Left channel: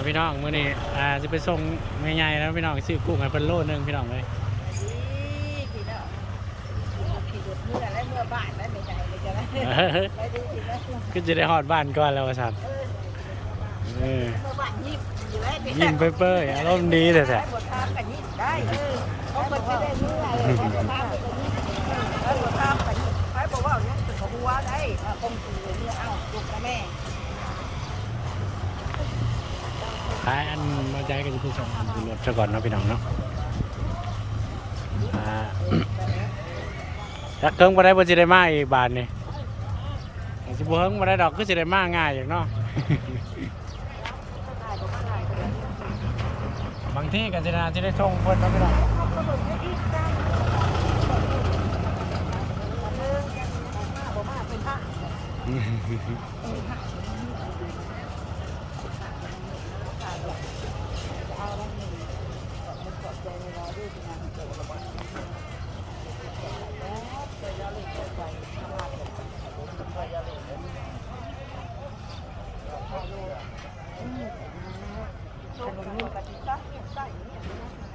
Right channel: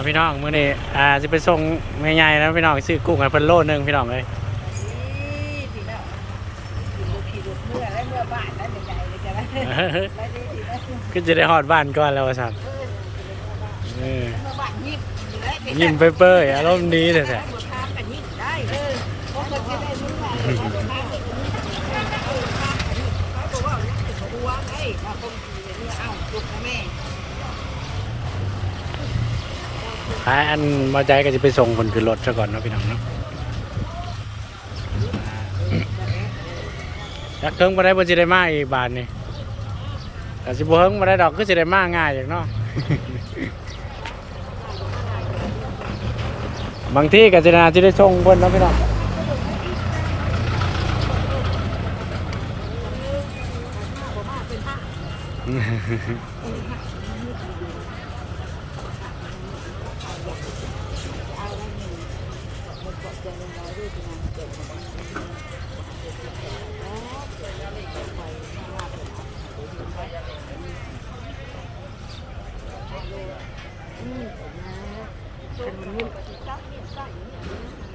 เอาพี่น้องมื้อนี้อ่าจะไปส่งแม่ใหญ่แล้วพี่น้องซื้อกุ้งให้เพิ่นโลนึงพี่น้องเอ้ยพี่น้องขี่รถขี่รถเมื่อและเมื่อบ้านแล้วใหญ่ๆเลยจ้ะนะไปดีดีนะก็จะได้ฮอดบ้านก่อนแล้วว่าซั่นเออเมื่อเออบ้านยิ้มอยู่แล้วยิ้มเปื่อยๆอารมณ์ดีเลยแท้หัวทามกันยิ้มได้เออเพราะมันจะได้เมื่อเลยหัวทามกันยิ้มแล้วหัวทามกันยิ้มใครบอกว่าเนี่ยถึงหัวได้ว่าคงขี่เมื่อเอ้าลุกนะแม่ ขายอันมาใจก็จะไปส่งคนขึ้นรถซะก่อนเนาะพี่น้องเนาะอ่าจักเทิงบ่ได้บ่สิได้มาอีกบาทนี่ก็สิบ่เฮิงบ่ได้ดอกก็สิได้มาง่ายอย่างเนาะบางที่ก็จะน่าจะได้ส่งเพิ่นเนาะพี่น้องจะเอาได้เงินขอบคุณขอบใจน้อยๆด้วยที่มาเกิดมาบอกว่าจะติดใจขายแล้วเอะไรเกิดไฟถ้าว่าเกิดอาจจะหายได้ยินได้ฮัลโหลอืมนะขนมนี่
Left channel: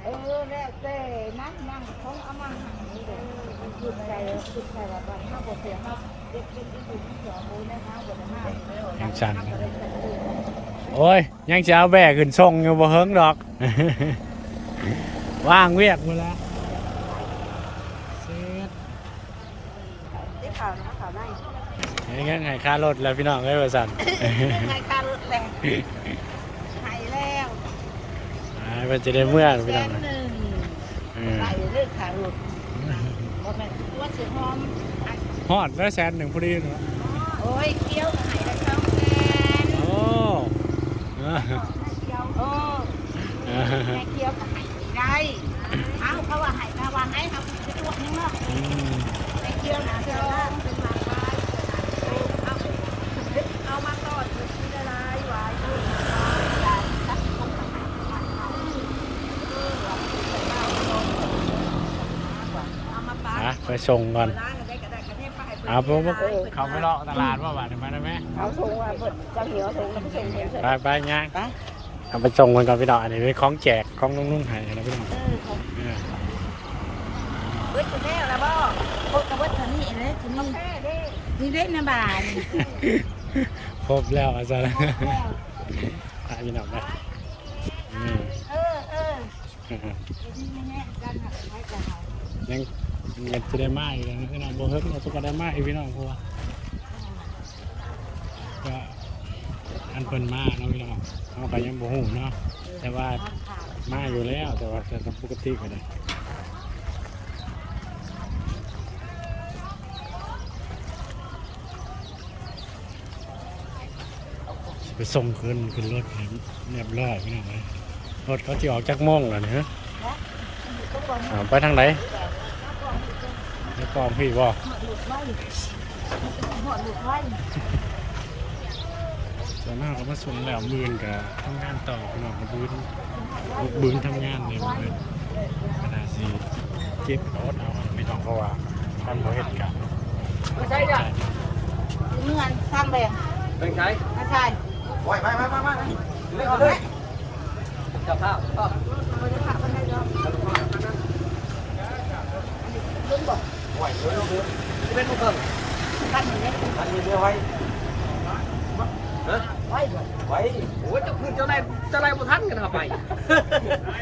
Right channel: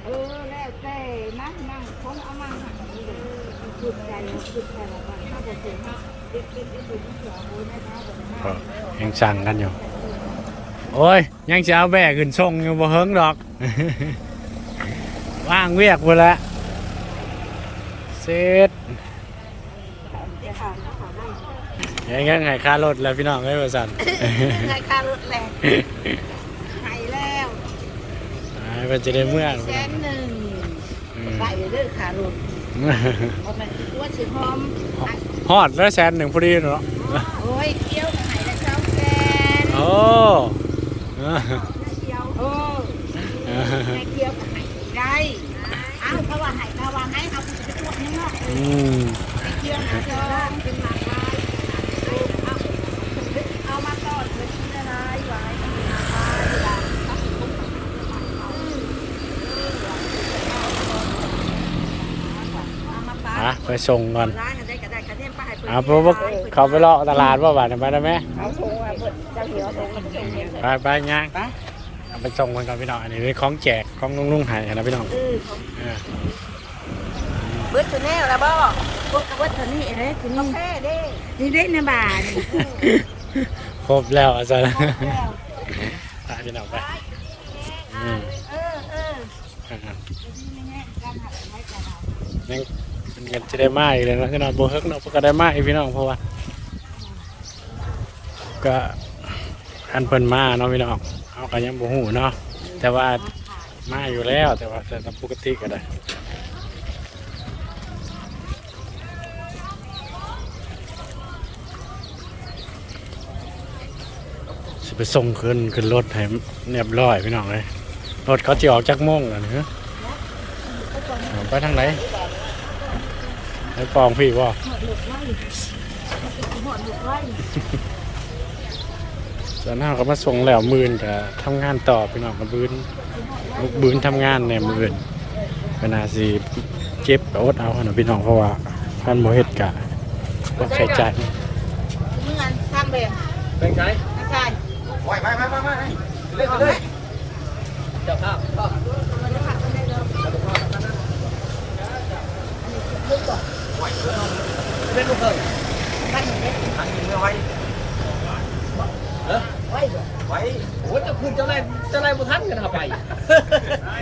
เออแล้วแต่นะนั่งท้องอามาหันนี่เลยขึ้นใจขึ้นใจว่าวันถ้าบทเสียถ้าเด็ดเด็ดเด็ดดูที่เสือโอ้ยนะท้าบทได้มากยังสั่งกันอยู่ โอ้ย ยังจะเอาแบกขึ้นส่งอยู่บ่เฮิงดอก ว่างเวียกหมดแล้วเสร็จได้ข่าวนะข่าวได้ยังงั้นไงค่ารถแล้วพี่น้องเอ้ยว่าสั่นไงค่ารถแรงหายแล้วอ่ามันจะได้เมื่องแสพี่น้องนหนึ่งอืมใส่เรื่องขาหลุดเพราะมันตัวเสียหอมฮอดแล้วแสนหนึ่งพอดีเนาะโอ้ยเคี้ยวกับหายแล้วช่องแสนโอ้ เออเคี้ยวโอ้แม่เคี้ยวกับหายได้เอ้าเขาว่าหายเขาว่าให้เขาไปตรวจข้างนอกอืมเคี้ยวนะเคี้ยวเป็นหมักไว้เคี้ยวนะเคี้ยวเอาเอามาตอดเลยชิ้นละลายไว้ทำเป็นหมักไว้กระดาษตัดคงกับหาเป็นหมักเขาเออว่ามันเป็นมากนอนมากกว่าเอามาปาอะไปส่งก่อนร้านกันได้ก็ได้คะแนนป้ายเปิดอะเพราะว่าเขาไปเลาะตลาดว่าบาทไปได้ไหม เอาส่งไปจะเหี่ยวไป ไปย่างไปเอาไปส่งกันก่อนพี่น้องอันนี้เป็นของแจกของนุ่งๆใหายนะพี่น้องเออของเออเบิร์ดตัวนี้แล้วบ่พบกับเบิร์ดตัวนี้เลยตัวนี้นี่เด็กในบ้านครบแล้วอาจารย์แล้วไปพี่น้องไปอืมเออเอออ่าดีไม่แห้งกันหักใช้กันเอายังมันก็จะได้มาอีกเลยนะพี่น้องโบเฮิกเนาะก็ได้มาอีกพี่น้องเพราะว่าก็ อันเพิ่นมาเนาะพี่น้องเอาก็ยังบ่ฮู้เนาะแต่ว่ามาอยู่แล้วแต่ว่าแต่ตามปกติก็ได้สิไปส่งขึ้นขึ้นรถให้เรียบร้อยพี่น้องเลยรถเขาจะออกจากโมงแล้วนี่ฮะเอาไปทางไหนไปปองพี่บ่หอดหลุดไว้หดหลุดไว้ ส่วนหน้าก็มาส่งแล้วมื่นกับทำงานต่อพี่น้องกับบืนลูกบืนทำงานเนี่ยมื่นก็น่าสิเจ็บอดเอานะพี่น้องเพราะว่าท่านโมเฮ็ดกะก็ใช้จ่ายเมื่อสร้างแบ่งเป็นไงไม่ใช่ไหวไหมไหมไหมไหมเรียกออกไหไหมมจับภาพภาพ มาได้ผักกันได้แล้ว มาดูภาพนั่นนะ อันนี้ลึกกว่า เล่นลูกเกิง พันนี้ อันนี้เนื้อไว้เออ ไว้บ่ ไว้โอ้ยเจ้าคุณเจ้าได้เจ้าได้บุทันกันเอาไป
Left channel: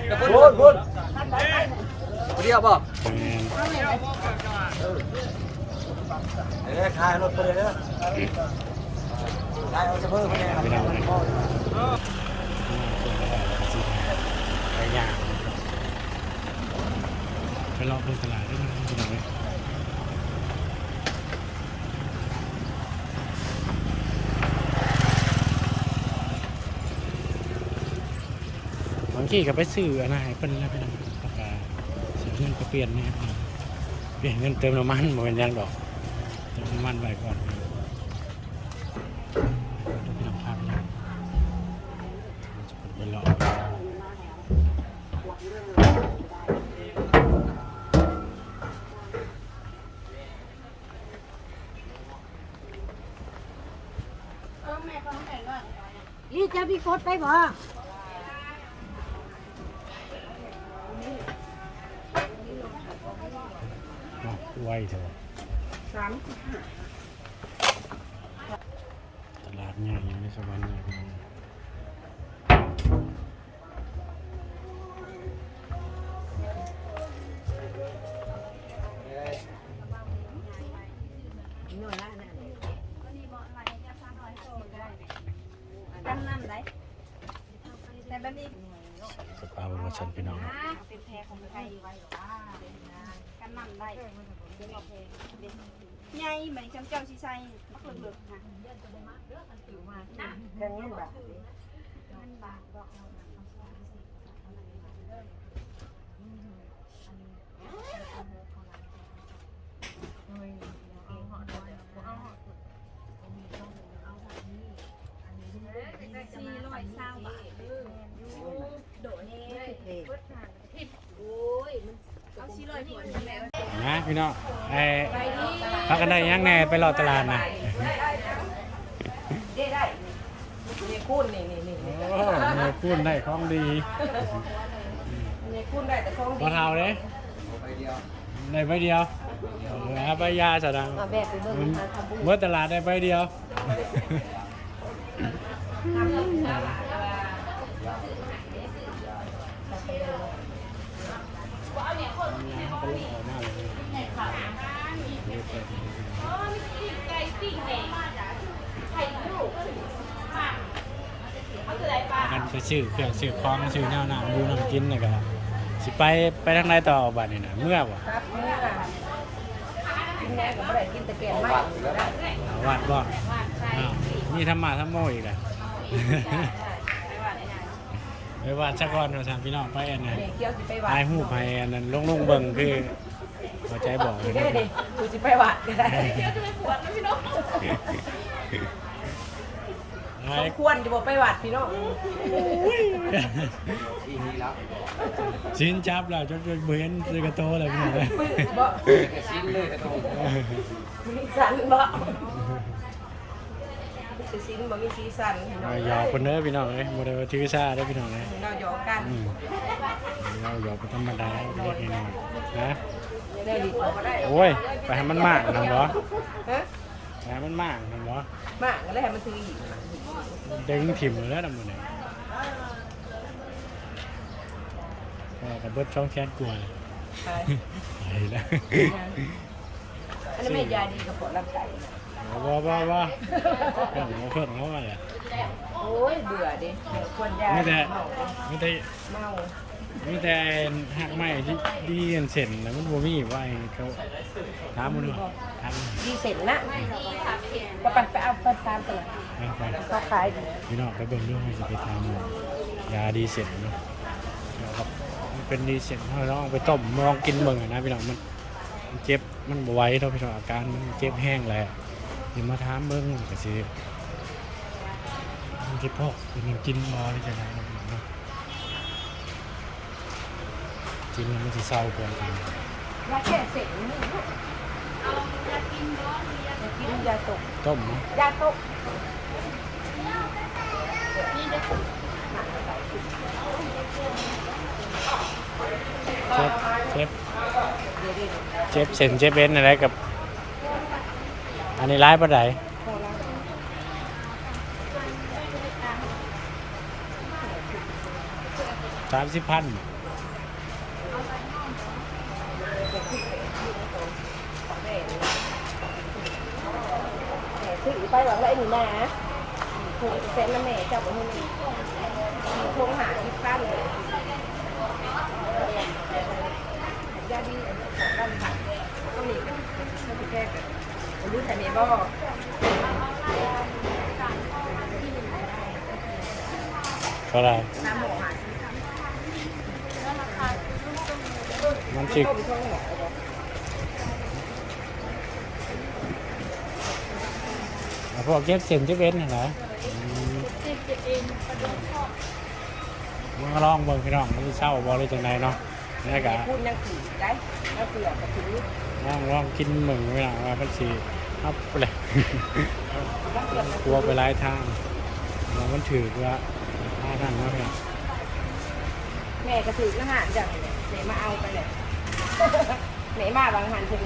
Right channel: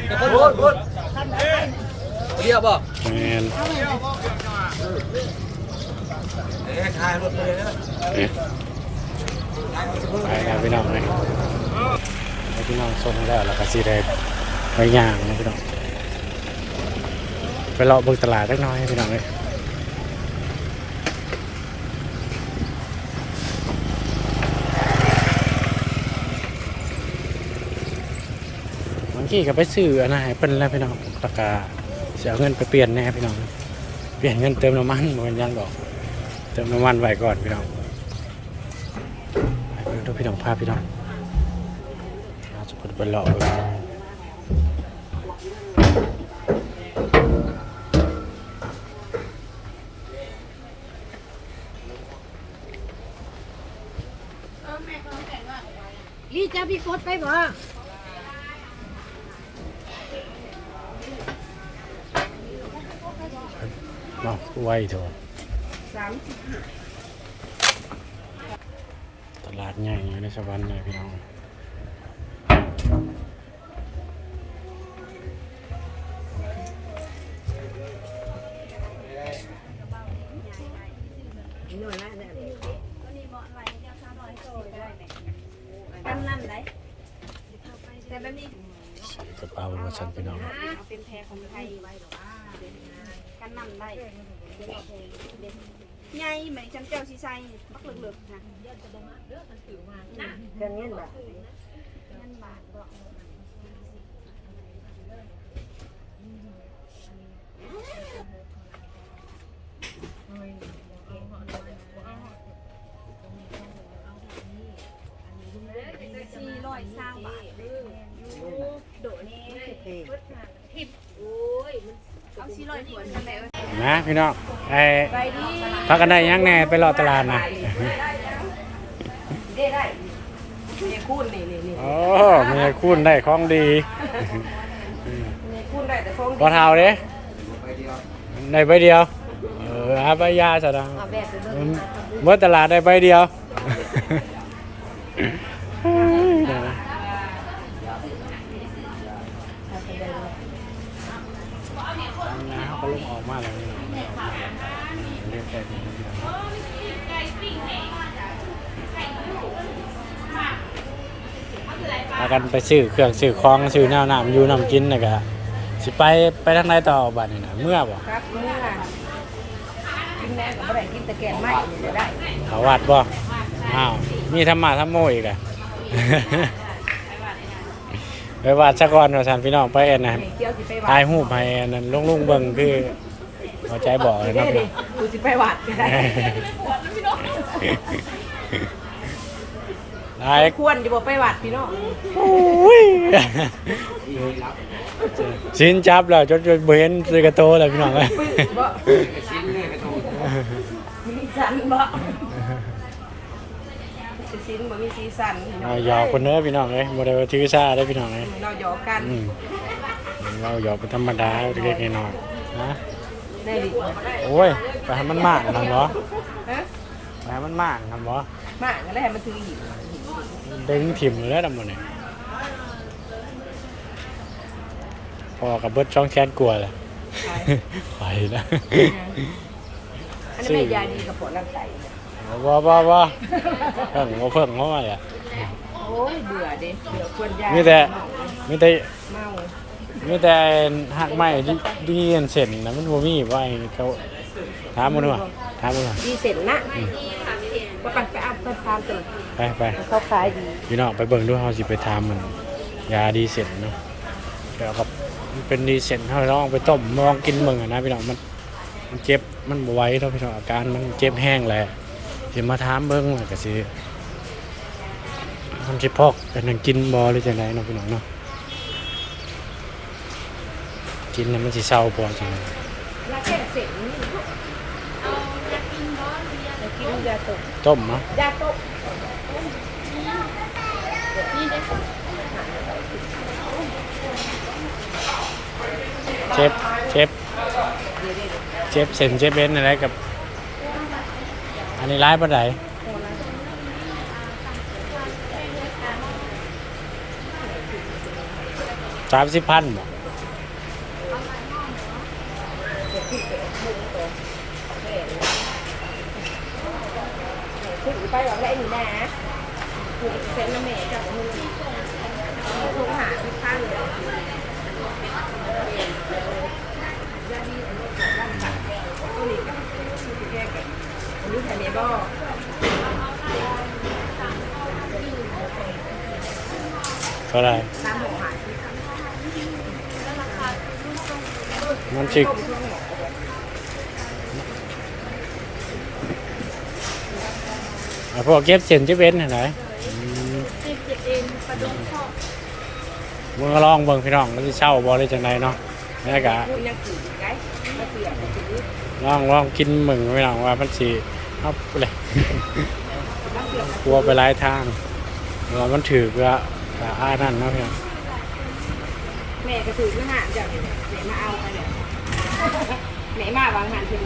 แต่คนคนคน พันไว้ไว้ เรีย บ่แมนเอาแม่เอ้ยคลายรถคนเลยเด้อคลายเอาจะเพิ่มไปแล้วพี่น้องเลยให้พี่น้องส่งแล้วแล้วก็สิได้ไปย่างนะพี่น้องไปเลาะเบิ่งตลาดสักหน้อยพี่น้องเลยบางทีก็ไปซื้ออันนั้นเพิ่นแล้วพี่น้องตะกา เสียเงินไปเปลี่ยนแน่พี่น้องเปลี่ยนเงินเติมน้ำมันบ่แมันยังดอก เติมน้ำมันไว้ก่อนพี่น้องไปดูพี่น้องพาพพี่น้องเราจะพดไปเลาะนี่จะพี่กดไปบ่ เนาะไวเถอะตลาดใหญ่ในสวรรค์เลยพี่น้องกระเป๋ามาสั่นพี่น้องเอาเป็นแพรของไทยไว้หรอ ว่ากันนั่นได้ใหญ่เหมือนฉันเจ้าชีไซมักเหลือกๆนะเครื่องเงินบาทเงินบาทก็สี่ร้อยสามบาทโดดนี่เท่เอาสี่ร้อยหัวทำไมเอ้ย นะพี่น้องไอ้ไปดิพักกันได้ยังแน่ไปรอตลาดนะได้ได้นี่นี่คูณนี่นี่นี่โอ้มีคุณได้ของดีคูณได้แต่คงพอเท่าเด้ได้ใบเดียว เออหาใบยาสะดังเมื่อตลาดได้ใบเดียว เดี๋ยวนะ ไปได้เลย ทำนะเขาก็ลงออกมาแล้วนี่เนาะออกมาเรียกแค่นี้นะพากันไปซื้อเครื่องซื้อของซื้อน้ำน้ำอยู่น้ำกินนะกะสิไปไปทางไหนต่อบัดนี่นะเมื่อบ่ครับเมื่อกินแม่ก็บ่ได้กินแต่แกงไม่นี่ได้เขาวัดบ่อ้าวมีธรรมะธรรมโมอีกแหละไปวัดสักวันว่าสันพี่น้องไปเอ็นนะนี่เกี่ยวสิไปวัดถ่ายรูปให้อันนั้นลุงลุงๆเบิ่งคือหัวใจบอกเลยเด้เนาะดิกูสิไปวัดก็ได้ ถ่ายควรสิบ่ไปวัดพี่น้องโอ้ยสินจับแล้วจนจนบ่เห็นซื้อกระโตแล้วพี่น้องเอ้ยบ่ชิ้นเลยกระตูนมีสันบ่สิสินบ่มีสีสันพี่น้องเอาหยอกคนเด้อพี่น้องเอ้ยบ่ได้ว่าถือซาเด้อพี่น้องเอ้ยเราหยอกกันอืมเราหยอกเป็นธรรมดาเล็กๆน้อยๆนะได้ดิโอ้ยไปให้มันมากกันบ่ฮะ ไปให้มันมากกันบ่มาก็เลยให้มันถือหินมาหินดึงถิ่มเลยแล้วดำหมดเนี่ยพอกับเบิดช่องแคสกลัวเลยขายไปแล้วอันนี้ไม่ยาดีกับปวดร่างกายนะบ่บ่บ่เพิ่งบ่เพิ่งเข้ามาเลยโอ้ยเบื่อดิเบื่อควรยามีแต่เมามีแต่เมามีแต่หักไม้ที่ดีอันเส้นนะมันบ่มีว่าไอ้เขา ถามมันว่าถามมันว่าดีเสร็จนะว่าไปไปเอาไปทานกันเลยไปไปเขาขายดีพี่น้องไปเบิ่งดูเฮาสิไปทำมันยาดีเส้นเนาะเดี๋ยวกับมันเป็นดีเส้นเฮาลองไปต้มลองกินเบิ่งอะนะพี่น้องมันมันเจ็บมันบ่ไหวเนาะพี่น้องอาการมันเจ็บแห้งแหละสิมาถามเบิ่งว่าก็สิมันสิพอกเป็นหยังกินบ่หรือจังไดนะพี่น้องเนาะกินแล้วมันสิเศร้าบ่จังไดยาแค่เสร็จนี่ยากินยาตกต้มเนาะยาตกเจ็บเจ็บเจ็บเส้นเจ็บเอ็นอะไรกับ อันนี้ร้ายปานใดสามสิบพันบ่ถือ ไปหวังได้หนูนะถูกเซ็นน้ำแม่จับไปให้เลยโทรหาที่ข้างเลยยาดีอันนี้ของด้านบัตรต้องมีไม่ถูกแก้กันอันนี้ไทยเนบอเท่าไหรน้ำหมอหามันชิกต้มช่วงหมอเล อะพวกเก็บเส้นเจ็บเอ็นเห็นไหมมึงก็ลองเบิ่งพี่น้องมันจะเช่าบ่ได้จังไดเนาะนี่กะพูดยังถือได้ยังเสียบถือลองลองกินมึงพี่น้องว่ามันสิเอาไปเลย บ้านเสียบกลัวไปหลายทางว่ามันถือก็อ่านั่นเนาะพี่น้องแม่ก็ถือก็หาจากเดี๋ยวมาเอาไปเนี่ยไหนมาบางหันถึง